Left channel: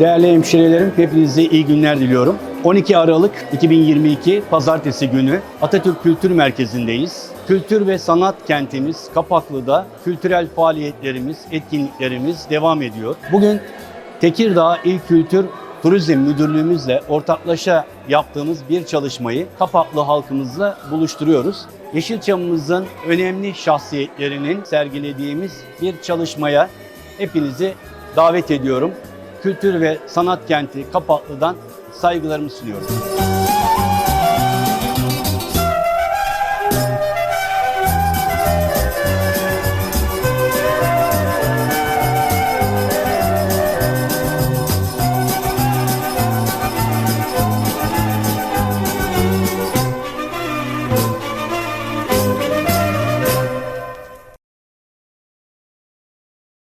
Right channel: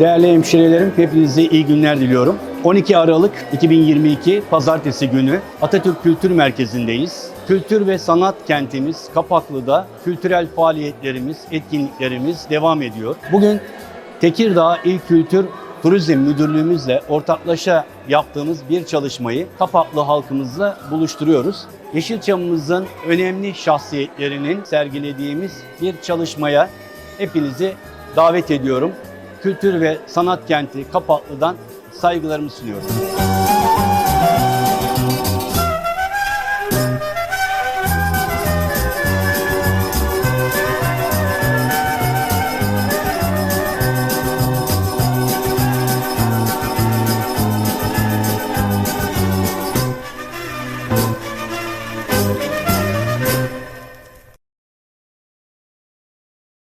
Değerli hemşirelerim, hepinize iyi günler diliyorum. 12 Aralık 2022 Pazartesi günü Atatürk Kültür Merkezi'ndeyiz. Kültür ve sanat kentimiz Kapaklı'da kültürel faaliyetlerimiz, etkinliklerimiz devam ediyor. Bugün Tekirdağ İl Kültür Turizm Müdürlüğümüzle ortaklaşa yaptığımız bir çalışmayı Kapaklı halkımızla buluşturuyoruz. Yeşilçam'ımızın önemli şahsiyetlerinin sergilediğimiz bir çalışmaya hepinizi davet ediyorum. Kültür ve Sanat Kenti Kapaklı'dan saygılarımı sunuyorum.